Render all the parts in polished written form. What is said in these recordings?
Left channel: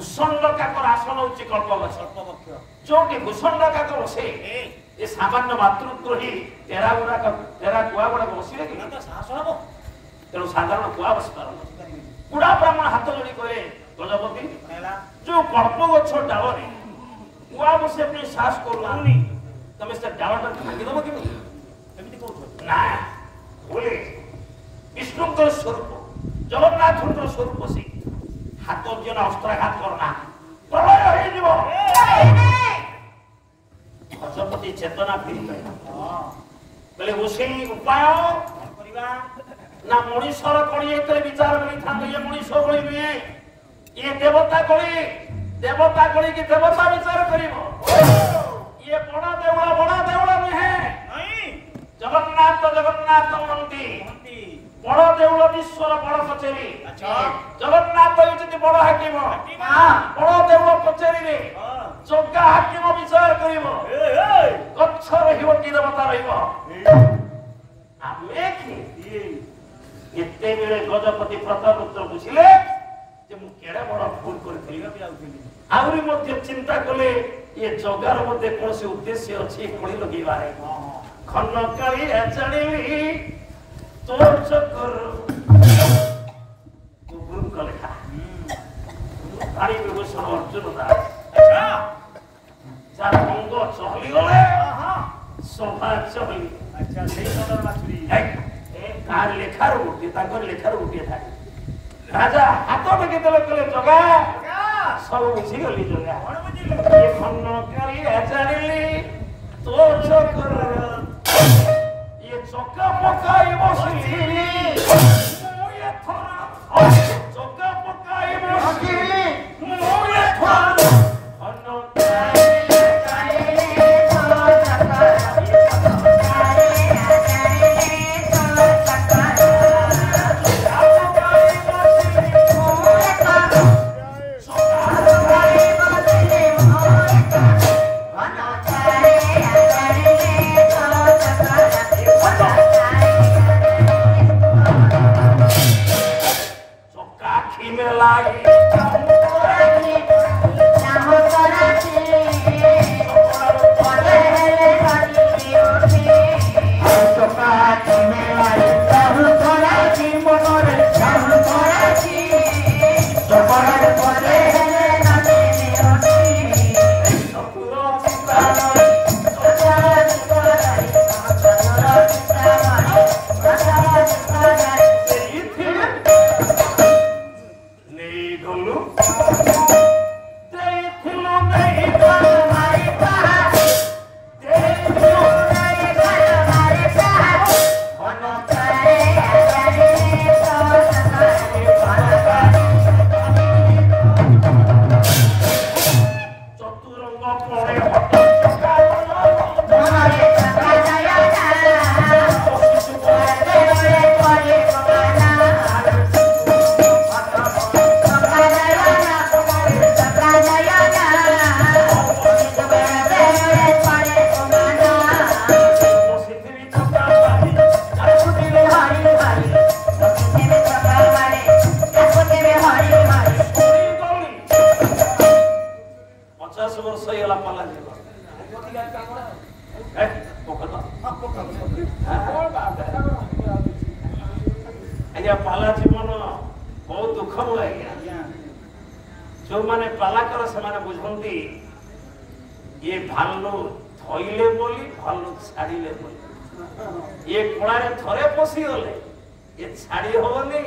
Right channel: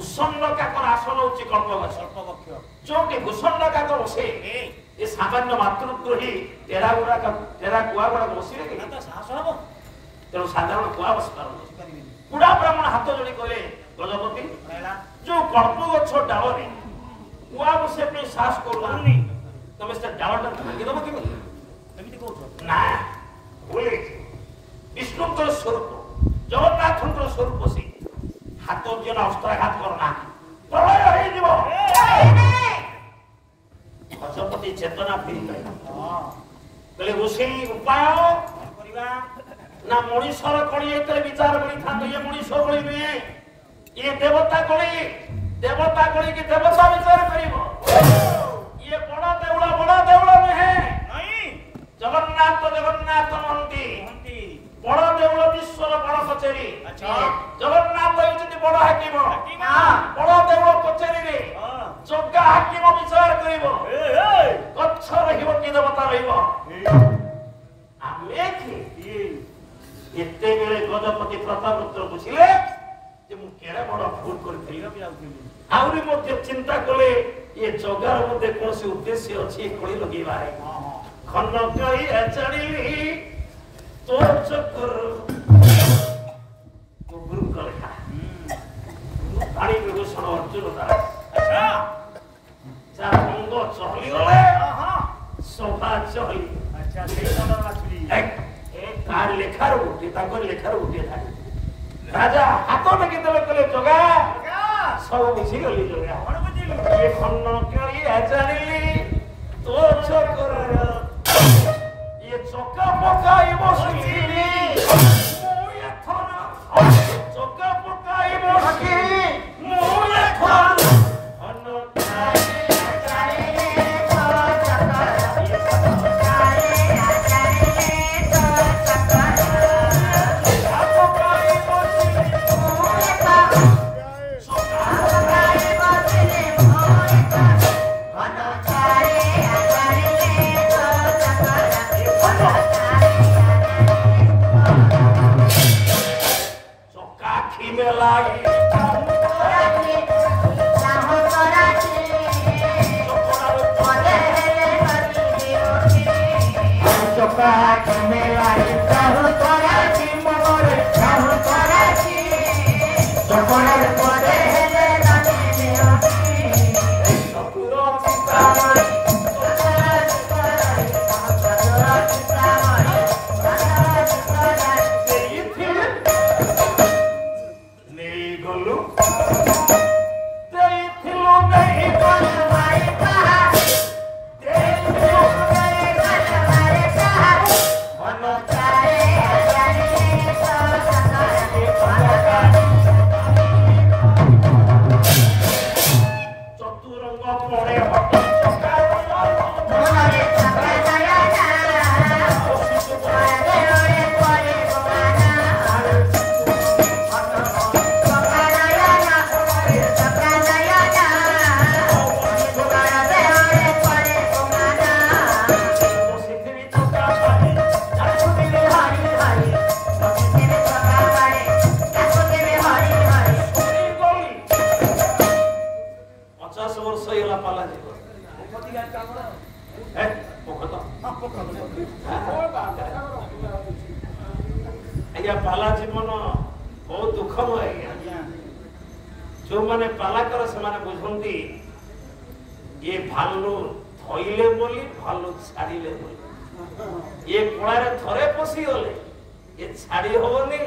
भूषण काकर आसन होची कल्पवृक्ष जोटी भूषण काकर बसे ए सामान्य मातृद्रोही तेरा कुआ गुड़ा बसिले कि साहस हम तेणु साधारण कुआ बस पार कुड़ा ब्राह्मण हाथ जोड़ी कहले गजपति जो कल्पवृक्ष डाल रे कुआ बसे पे साहस करूनी तमे से डालटा भांगी दबो कि एमिति कहू ना बोले विष्णुଙ୍କର स्वरूप जगन्नाथଙ୍କର स्वरूप से हाथ जन अस्त्राघात करना प्रलय हो जीव गजपति चेतना फिरी कहले ओसेली उपाय करबा ना मनुष्यर कणी एते विचार करी था ये मनुष्य गली नुए ये देवता गली की देवता विचार करिवो ये बड़ा देउला नुहे नहीं जगन्नाथ मंती बड़ देउल विश्वर बड़ कचेरी जगन्नाथ होती बड़ हाकिम बड़ देउल कचेरी रे जग्गा हाकिम विचार करिवो गच्छ रहिबो कि देवता रहिबो आमे कि एते बेले गजपति प्रतापपुत्र बुझिले जे मु केडे बड़ भूल करथिली आउरी मध्ये चिंता कले ये जगार मध्ये कोनसे उद्देश्य अछि कोळी लगेबारे खन्नकाई एचडीली तोर चक्कर गुरु कलेखा गाड़ी विभूषण अर्जुन दास अच्छा चार रंग चहली गले सोफा चहली अच्छा सेई नंबर माछुरी एक कार लेखार उठी ताकर लेखार उठी थाई राजा हाथ में केतले कले जगा सब बुझी गली जगा कोन बुझिलु ये खन्नकाई एचडीली तोर चक्कर ये चौका पकाई बसली मोये थरा चौका पकाई बसली मोये थरा अनोताई आज्ञा पाला जीवन बहुत दुखमय आज्ञा जो माने पाला कर से माने बुझंती ये भालू थइले बोली भालू छाड़ीले बोली ये कोड़ारे थरे पसी गले ये छाड़ी होनी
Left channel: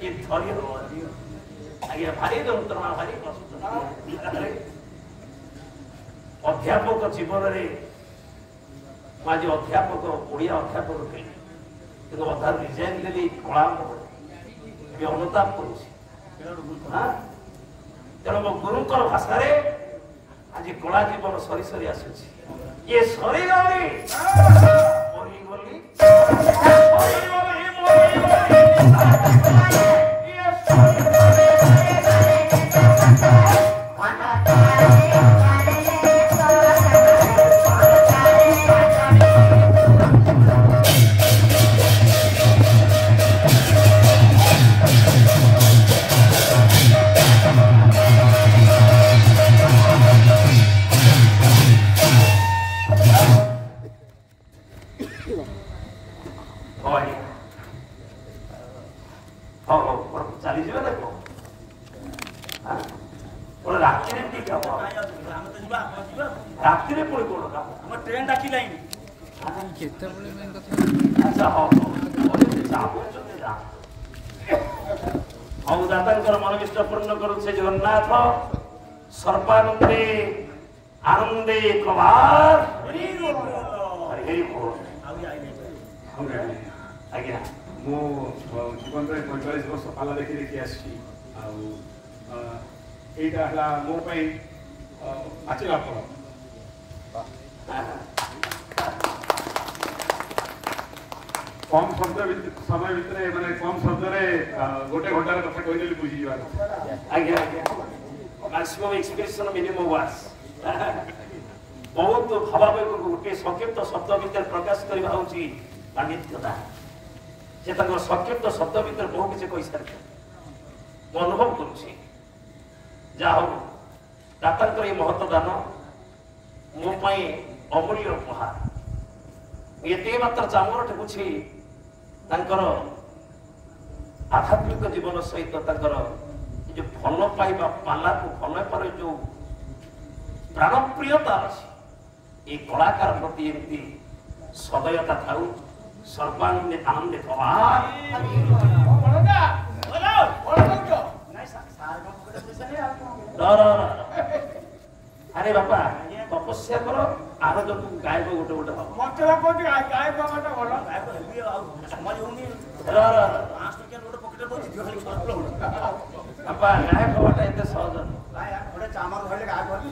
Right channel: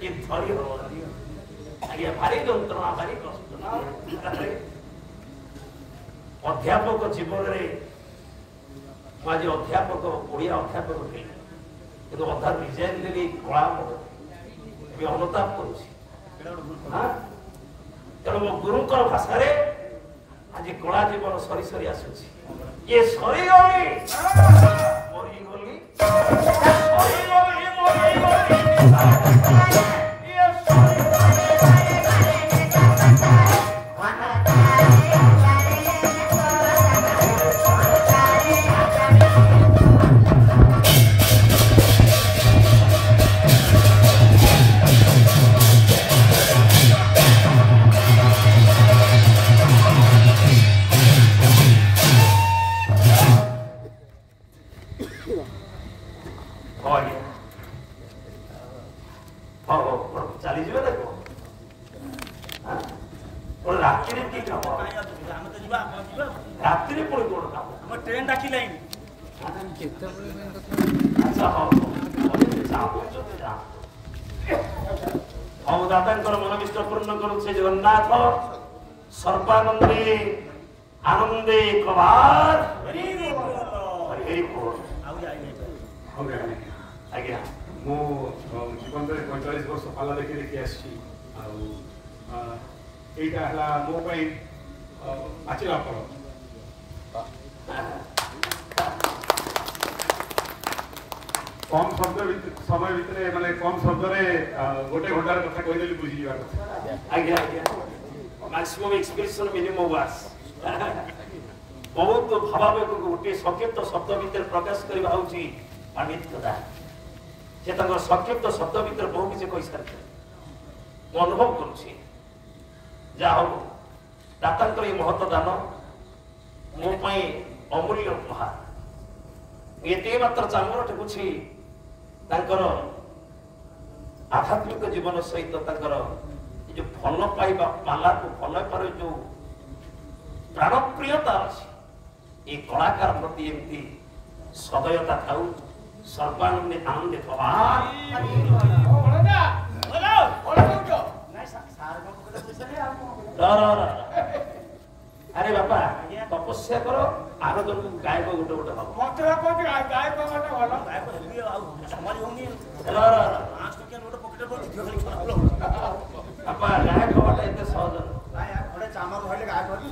कि धरी होनी आज्ञा भारी यंत्रणा भारी कष्ट अध्यापक जीवन रे माजी अध्यापक ओडिया अध्यापक थे किंतु अधा रिजाइन देली कला ए अनुताप करूसी हां तेणु मो गुरुकर भाषा रे आज कला जीवन सरी सरी आसुची ये सरी गली मरी गली सरी गली मरी गली ये सरी ପୁଣି ରାତିରେ କି କାମ ଆମେ ତ ଯିବା ଆପଣ ଯିବା ରାତିରେ ପୁଣି କଣ କାମ ଆମ ଟ୍ରେନ ଡାକିଲାଣି ଆଚ୍ଛା ହଉ ହଉ ଦାତାଙ୍କର ମନୋବିଷ୍ଟ ପୂର୍ଣ୍ଣ କରୁ ସେ ଜଗନ୍ନାଥ ସର୍ବାନନ୍ଦେ ଆନନ୍ଦେ କବାର ହରି ବୋଲ ଆଜ୍ଞା ମୁଁ ଜୀବନରେ 45 ବର୍ଷ ପାଲା ଦେଖି ଦେଖି ଆସିଛି ଆଉ ଏଇଟା ହେଲା ମୋ ପାଇଁ ପାଚିଲା ଫଳ କମ୍ ସମୟ ଭିତରେ ମାନେ କମ୍ ଶବ୍ଦରେ ଗୋଟେ ଘଣ୍ଟାର କଥା କହିଦେଲି ବୁଝିଯିବା କଥା ଆଜ୍ଞା ଆଜ୍ଞା ମ୍ୟାକ୍ସିମମ୍ ଏକ୍ସପ୍ରେସନ ମିନିମମ୍ ୱାର୍ଡସ୍ ବହୁତ ଭାବାବେଗକୁ ଗୋଟିଏ ସଂକ୍ଷିପ୍ତ ଶବ୍ଦ ଭିତରେ ପ୍ରକାଶ କରିବା ହେଉଛି ପାଣ୍ଡିତ୍ୟତା ସେ ତାଙ୍କର ସଂକ୍ଷିପ୍ତ ଶବ୍ଦ ଭିତରେ ବହୁ କିଛି କହିସାରିଥିଲେ ମୁଁ ଅନୁଭବ କରୁଛି ଯାହା ହଉ ଦାତାଙ୍କର ଏହି ମହତ ଦାନ ମୋ ପାଇଁ ଅମୂଲ୍ୟ ଉପହାର ଏତିକି ମାତ୍ର ଚାମର ଟେକୁଛି ତାଙ୍କର ଆଧ୍ୟାତ୍ମିକ ଜୀବନ ସହିତ ତାଙ୍କର ଯୋଉ ଭଲ ପାଇବା ପାଲାକୁ ଭଲ ପାଇବାର ଯୋଉ ପ୍ରାଣପ୍ରିୟତା ଅଛି এই কলাকার প্রতি এমতি সদয়তা থাউ সর্বানন্দে আনন্দে কবার আরে বাপা তপস্যা করো আরো জন গায়ক গোটে গোটে হব সমাজ হଉନି বাপা গায়ক হওয়াটা এতে সহজ ଗୋଟେ ଚାମର ଧରିଲେ ଗାୟକ ହେବି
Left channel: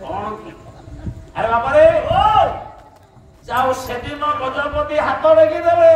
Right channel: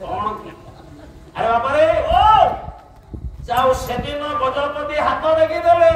କଣ କି আরে বাবা রে ও যাও সেদিন গজপতি হাত রেখে দেবে